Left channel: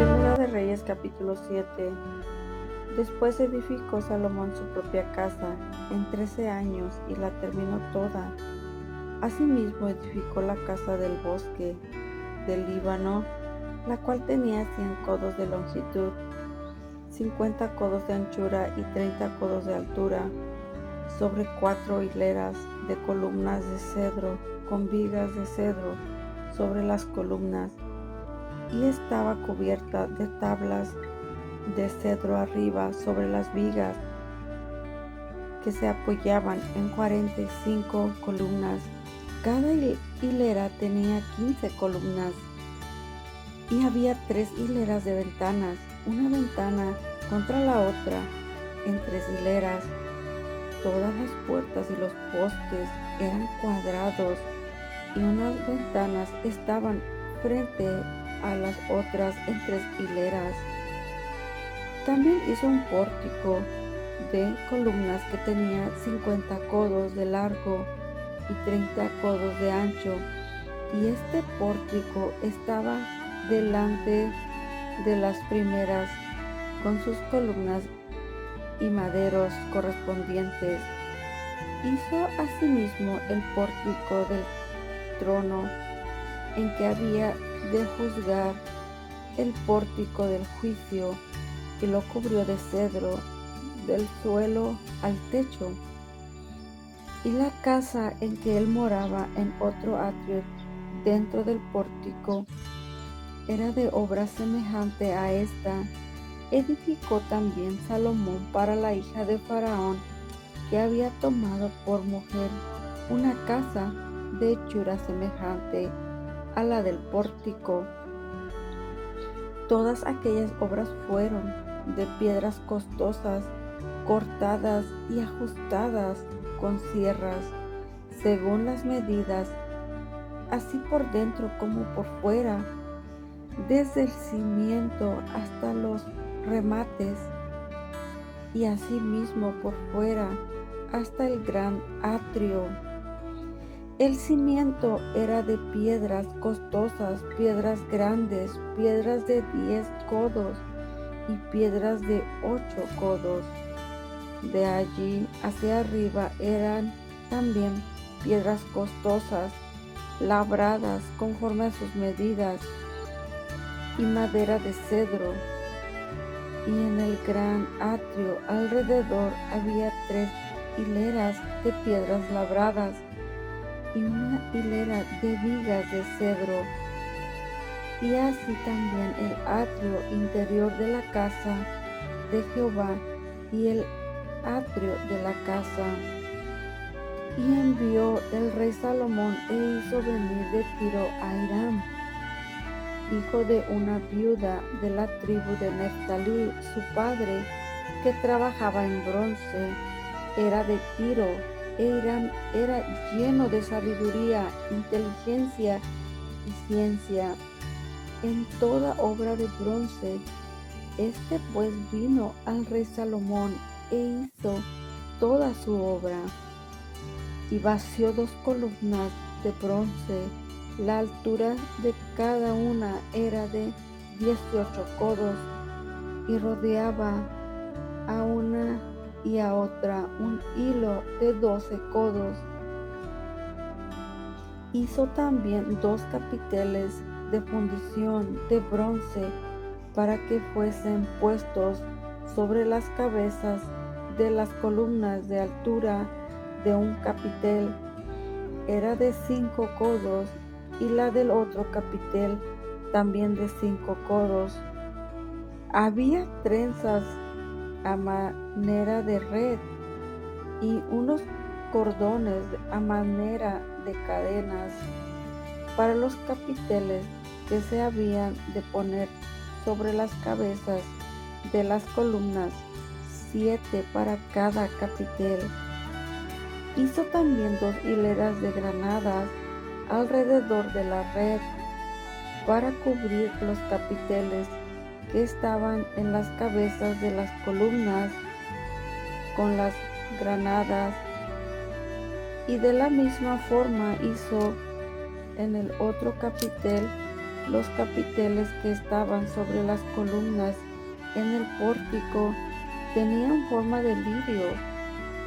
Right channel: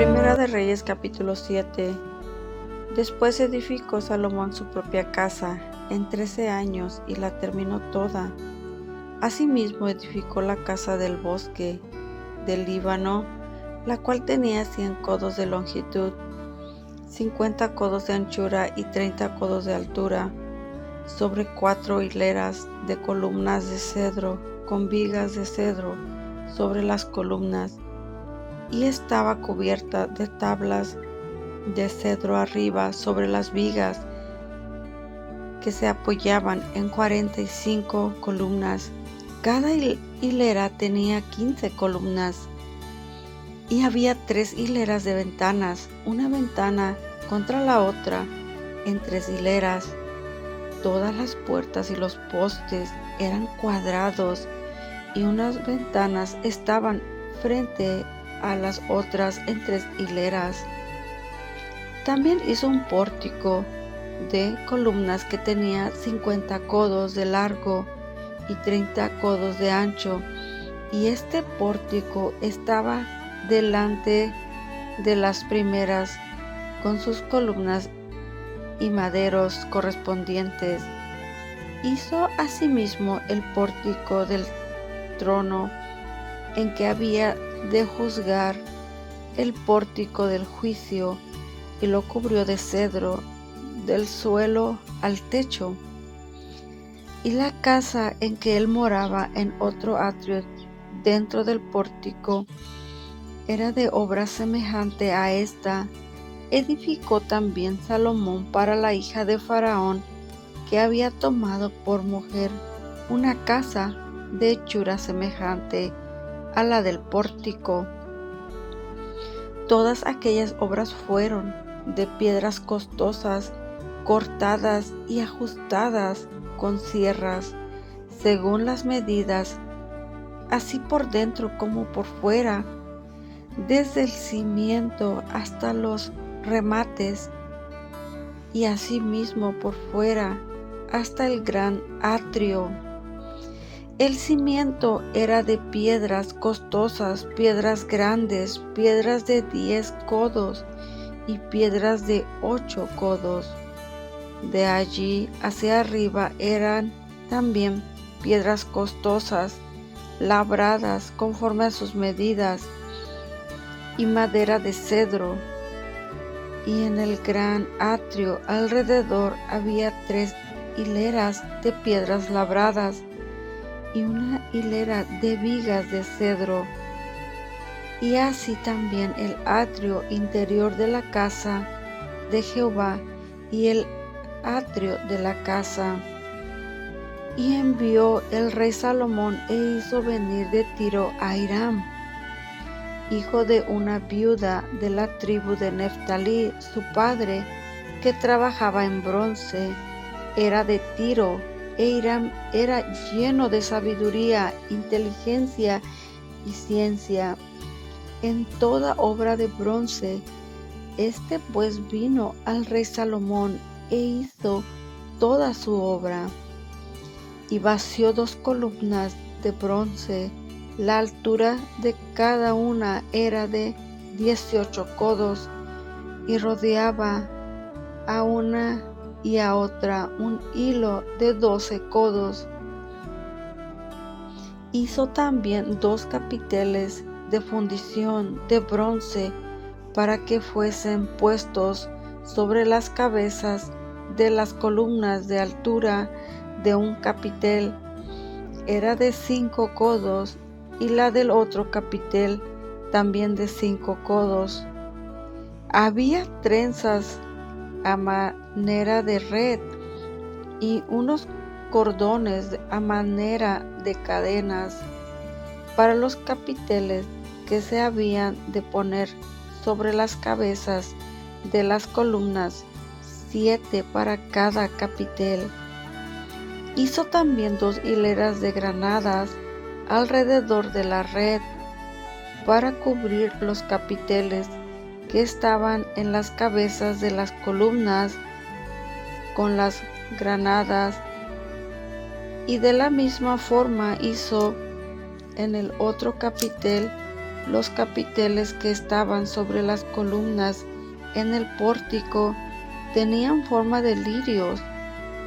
Primera de Reyes capítulo 7. Después edificó Salomón su propia casa en 13 años y la terminó toda. Asimismo edificó la casa del bosque del Líbano, la cual tenía 100 codos de longitud, 50 codos de anchura y 30 codos de altura, sobre 4 hileras de columnas de cedro, con vigas de cedro sobre las columnas, y estaba cubierta de tablas de cedro arriba sobre las vigas que se apoyaban en 45 columnas. Cada hilera tenía 15 columnas y había 3 hileras de ventanas, una ventana contra la otra en 3 hileras. Todas las puertas y los postes eran cuadrados y unas ventanas estaban frente a las otras en 3 hileras. También hizo un pórtico de columnas que tenía 50 codos de largo y 30 codos de ancho, y este pórtico estaba delante de las primeras con sus columnas y maderos correspondientes. Hizo asimismo el pórtico del trono en que había de juzgar, el pórtico del juicio, y lo cubrió de cedro del suelo al techo. Y la casa en que él moraba en otro atrio dentro del pórtico era de obra semejante a esta. Edificó también Salomón para la hija de Faraón, que había tomado por mujer, una casa de hechura semejante a la del pórtico. Todas aquellas obras fueron de piedras costosas, cortadas y ajustadas con sierras, según las medidas, así por dentro como por fuera, desde el cimiento hasta los remates, y asimismo por fuera hasta el gran atrio. El cimiento era de piedras costosas, piedras grandes, piedras de 10 codos y piedras de 8 codos. De allí hacia arriba eran también piedras costosas, labradas conforme a sus medidas, y madera de cedro. Y en el gran atrio alrededor había 3 hileras de piedras labradas y una hilera de vigas de cedro. Y así también el atrio interior de la casa de Jehová y el atrio de la casa. Y envió el rey Salomón e hizo venir de Tiro a Hiram, hijo de una viuda de la tribu de Neftalí, su padre, que trabajaba en bronce, era de Tiro, e Hiram era lleno de sabiduría, inteligencia y ciencia en toda obra de bronce. Este pues vino al rey Salomón e hizo toda su obra, y vació 2 columnas de bronce. La altura de cada una era de 18 codos, y rodeaba a una y a otra un hilo de 12 codos. Hizo también 2 capiteles de fundición de bronce para que fuesen puestos sobre las cabezas de las columnas. De altura de un capitel era de 5 codos, y la del otro capitel también de 5 codos. Había trenzas a manera de red y unos cordones a manera de cadenas para los capiteles que se habían de poner sobre las cabezas de las columnas, 7 para cada capitel. Hizo también 2 hileras de granadas alrededor de la red para cubrir los capiteles que estaban en las cabezas de las columnas con las granadas, y de la misma forma hizo en el otro capitel Los capiteles que estaban sobre las columnas en el pórtico tenían forma de lirios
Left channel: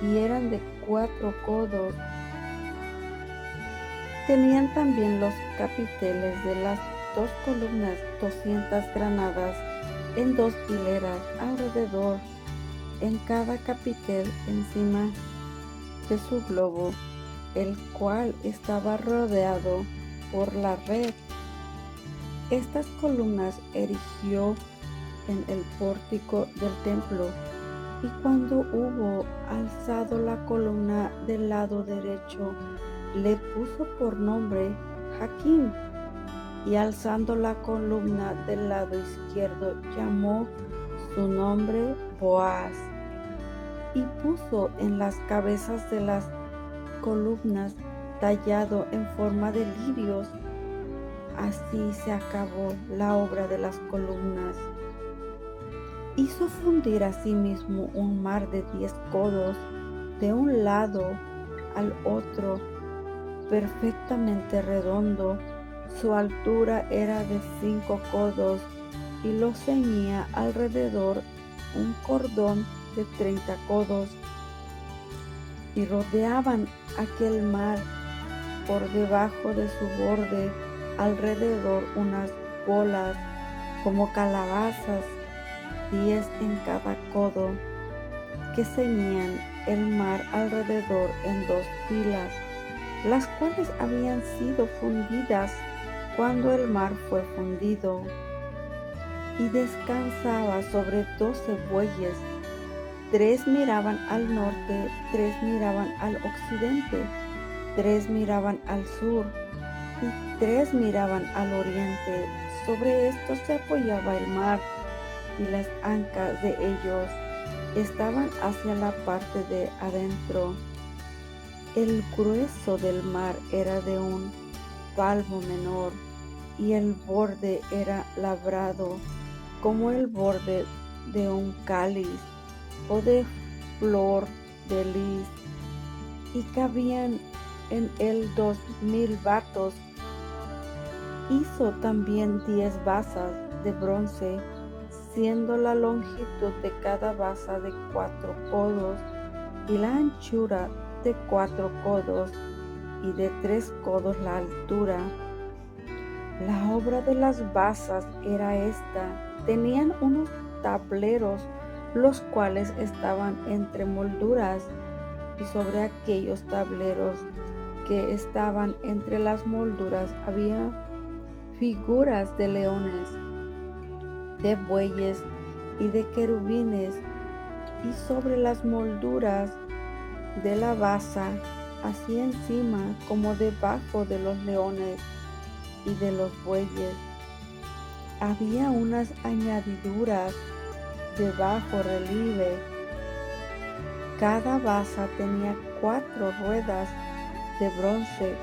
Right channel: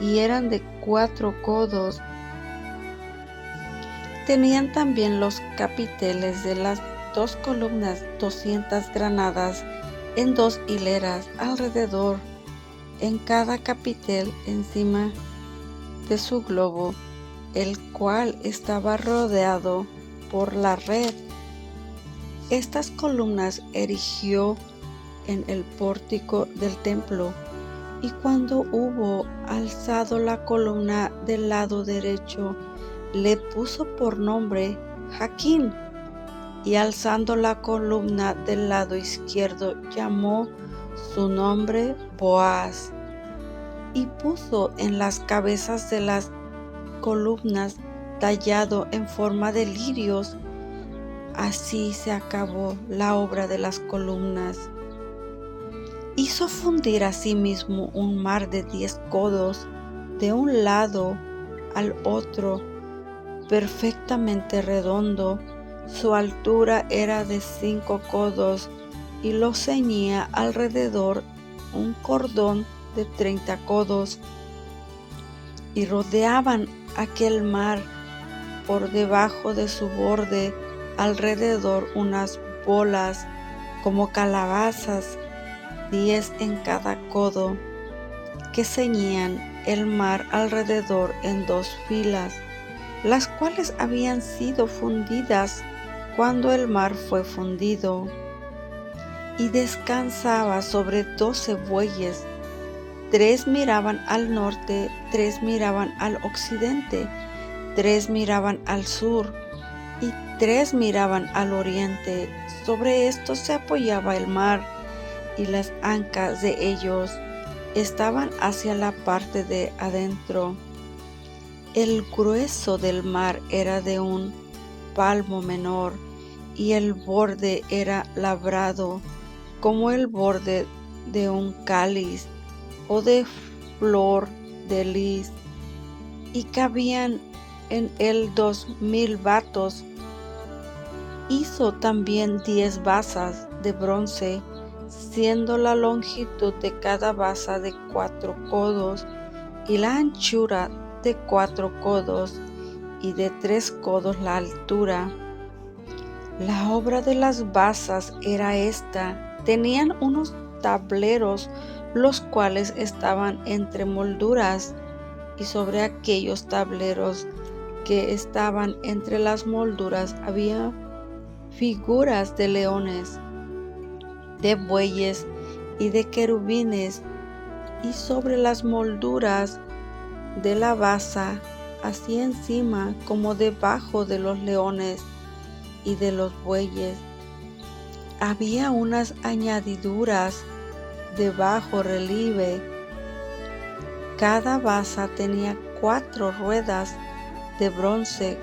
y eran de 4 codos. Tenían también los capiteles de las 2 columnas 200 granadas en 2 hileras alrededor, en cada capitel encima de su globo, el cual estaba rodeado por la red. Estas columnas erigió en el pórtico del templo, y cuando hubo alzado la columna del lado derecho, le puso por nombre Jaquín, y alzando la columna del lado izquierdo, llamó su nombre Boaz, y puso en las cabezas de las columnas tallado en forma de lirios. Así se acabó la obra de las columnas. Hizo fundir asimismo un mar de 10 codos de un lado al otro, perfectamente redondo. Su altura era de 5 codos y lo ceñía alrededor un cordón de 30 codos, y rodeaban aquel mar por debajo de su borde alrededor unas bolas como calabazas, 10 en cada codo, que ceñían el mar alrededor en 2 filas, las cuales habían sido fundidas cuando el mar fue fundido. Y descansaba sobre 12 bueyes, 3 miraban al norte, 3 miraban al occidente, 3 miraban al sur y 3 miraban al oriente. Sobre esto se apoyaba el mar, y las ancas de ellos estaban hacia la parte de adentro. El grueso del mar era de un palmo menor, y el borde era labrado como el borde de un cáliz o de flor de lis, y cabían en él 2000 batos. Hizo también 10 basas de bronce, siendo la longitud de cada basa de 4 codos, y la anchura de 4 codos, y de 3 codos la altura. La obra de las basas era esta: tenían unos tableros, los cuales estaban entre molduras, y sobre aquellos tableros que estaban entre las molduras había figuras de leones, de bueyes y de querubines, y sobre las molduras de la basa, así encima como debajo de los leones y de los bueyes, había unas añadiduras de bajo relieve. Cada basa tenía 4 ruedas de bronce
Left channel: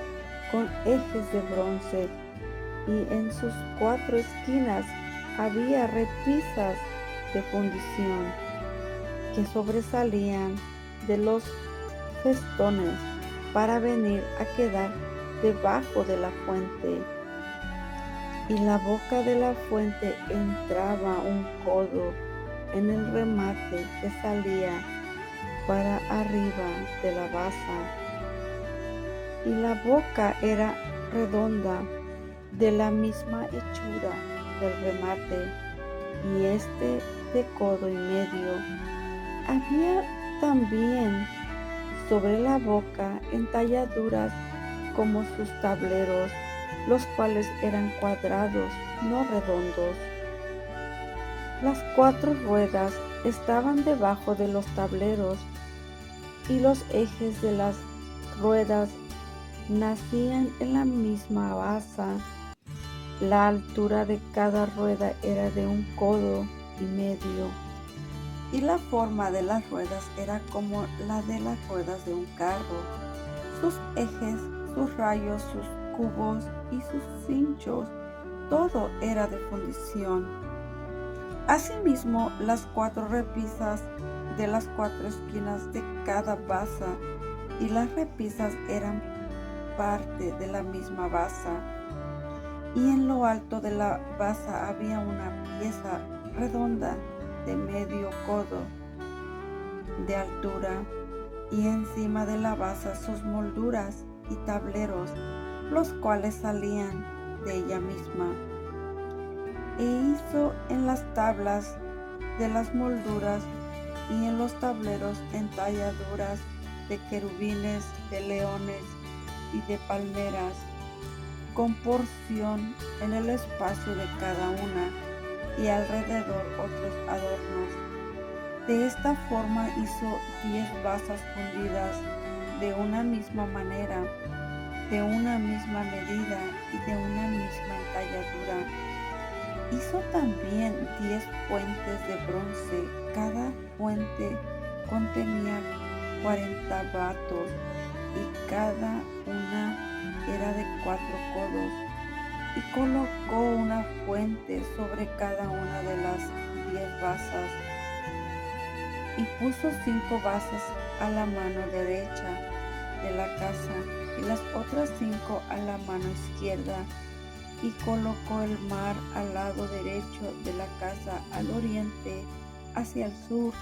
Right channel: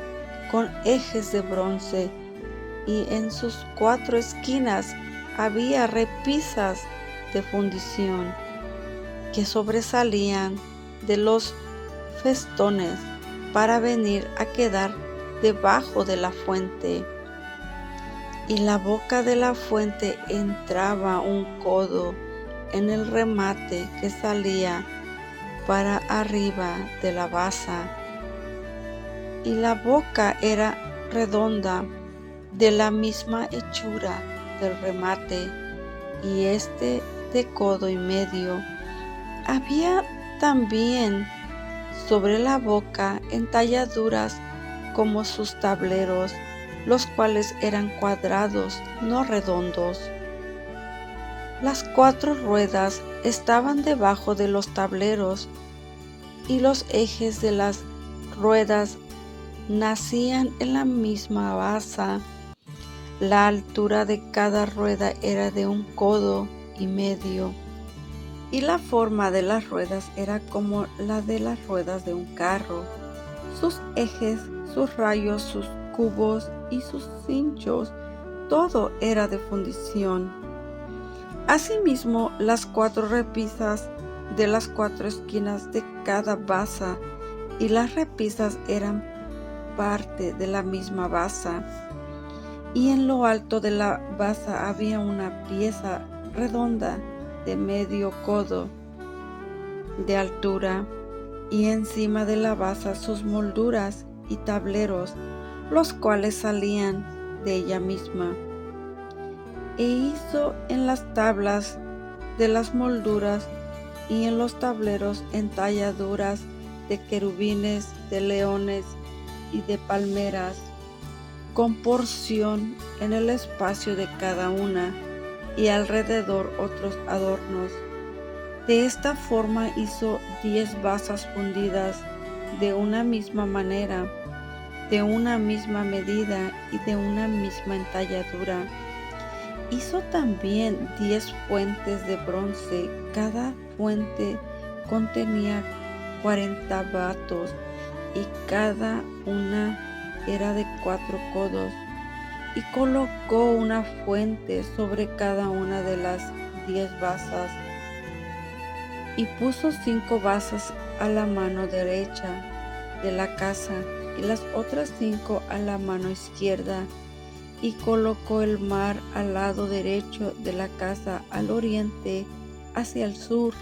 con ejes de bronce, y en sus 4 esquinas había repisas de fundición que sobresalían de los festones para venir a quedar debajo de la fuente. Y la boca de la fuente entraba un codo en el remate que salía para arriba de la basa, y la boca era redonda, de la misma hechura del remate, y de codo y medio. Había también sobre la boca entalladuras como sus tableros, los cuales eran cuadrados, no redondos. Las 4 ruedas estaban debajo de los tableros, y los ejes de las ruedas nacían en la misma basa. La altura de cada rueda era de 1 codo y medio, y la forma de las ruedas era como la de las ruedas de un carro. Sus ejes, sus rayos, sus cubos y sus cinchos, todo era de fundición. Asimismo, las 4 repisas de las 4 esquinas de cada basa, y las repisas eran parte de la misma basa. y en lo alto de la base había una pieza redonda de medio codo de altura, y encima de la base sus molduras y tableros, los cuales salían de ella misma. E hizo en las tablas de las molduras y en los tableros entalladuras de querubines, de leones y de palmeras, con porción en el espacio de cada una, y alrededor otros adornos. De esta forma hizo 10 basas fundidas de una misma manera, de una misma medida y de una misma entalladura. Hizo también 10 fuentes de bronce, cada fuente contenía 40 batos, y cada una era de 4 codos, y colocó una fuente sobre cada una de las 10 basas, y puso 5 basas a la mano derecha de la casa y las otras 5 a la mano izquierda, y colocó el mar al lado derecho de la casa, al oriente, hacia el sur.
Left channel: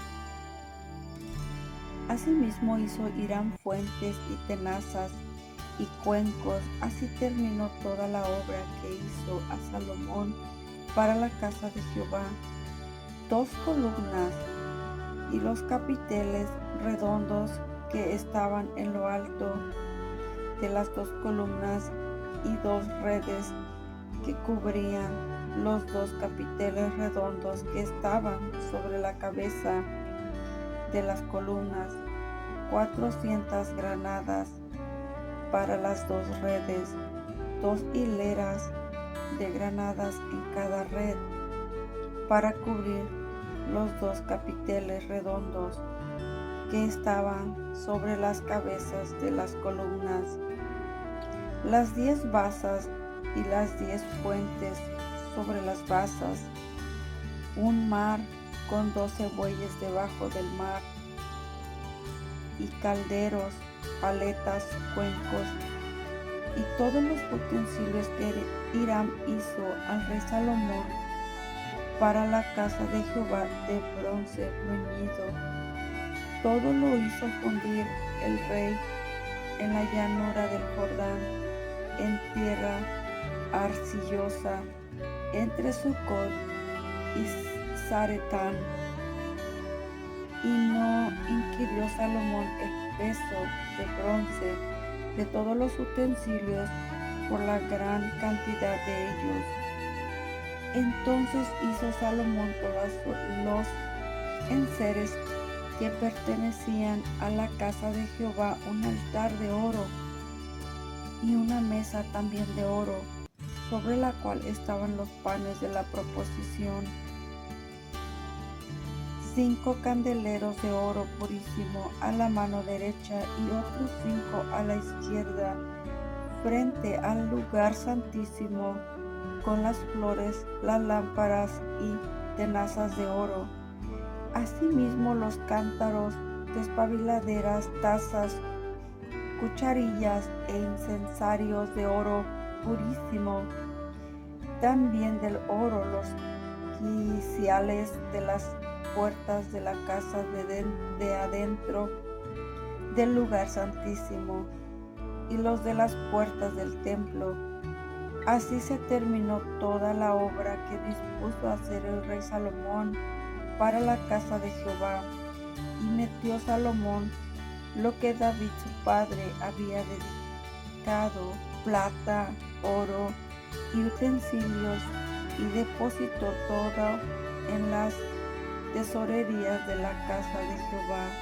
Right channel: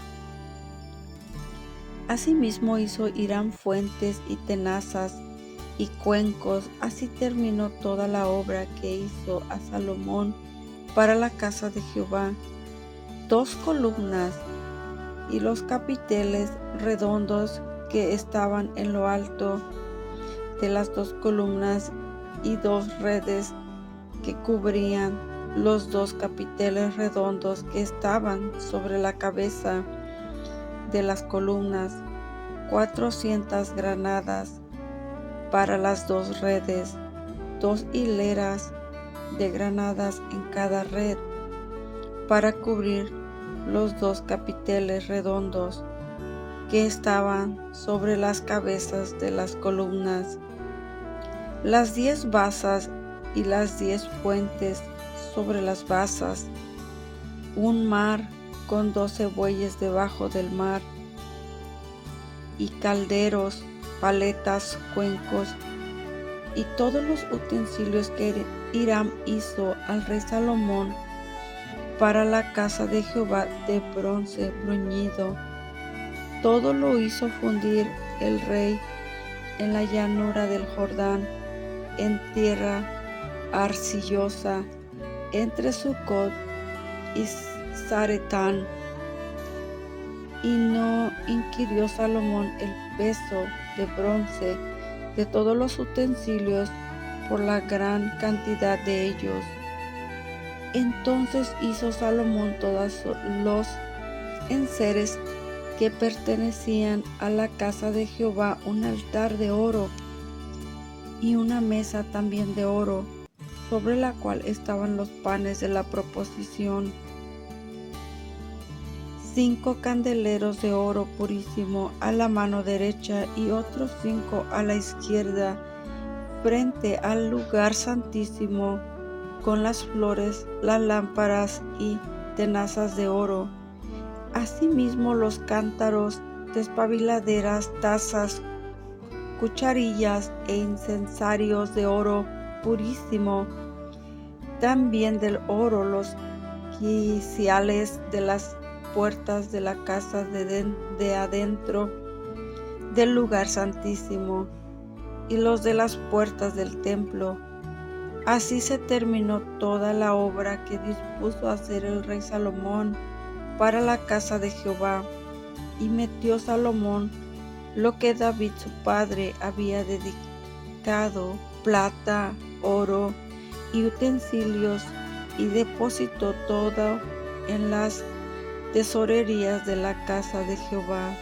Asimismo hizo Hiram fuentes y tenazas y cuencos. Así terminó toda la obra que hizo a Salomón para la casa de Jehová: 2 columnas y los capiteles redondos que estaban en lo alto de las 2 columnas, y 2 redes que cubrían los 2 capiteles redondos que estaban sobre la cabeza de las columnas, 400 granadas para las 2 redes, 2 hileras de granadas en cada red, para cubrir los 2 capiteles redondos que estaban sobre las cabezas de las columnas, las 10 basas y las 10 fuentes sobre las basas, un mar con 12 bueyes debajo del mar, y calderos, paletas, cuencos, y todos los utensilios que Hiram hizo al rey Salomón para la casa de Jehová de bronce bruñido. Todo lo hizo fundir el rey en la llanura del Jordán, en tierra arcillosa, entre Sucot y Zaretán. Y no inquirió Salomón el peso de bronce de todos los utensilios por la gran cantidad de ellos. Entonces hizo Salomón todos los enseres que pertenecían a la casa de Jehová, un altar de oro y una mesa también de oro, sobre la cual estaban los panes de la proposición, 5 candeleros de oro purísimo a la mano derecha y otros 5 a la izquierda, frente al lugar santísimo, con las flores, las lámparas y tenazas de oro. Asimismo los cántaros, despabiladeras, tazas, cucharillas e incensarios de oro purísimo. También del oro los quiciales de las puertas de la casa de adentro del lugar santísimo, y los de las puertas del templo. Así se terminó toda la obra que dispuso hacer el rey Salomón para la casa de Jehová. Y metió Salomón lo que David su padre había dedicado, plata, oro y utensilios, y depositó todo en las tesorerías de la casa de Jehová.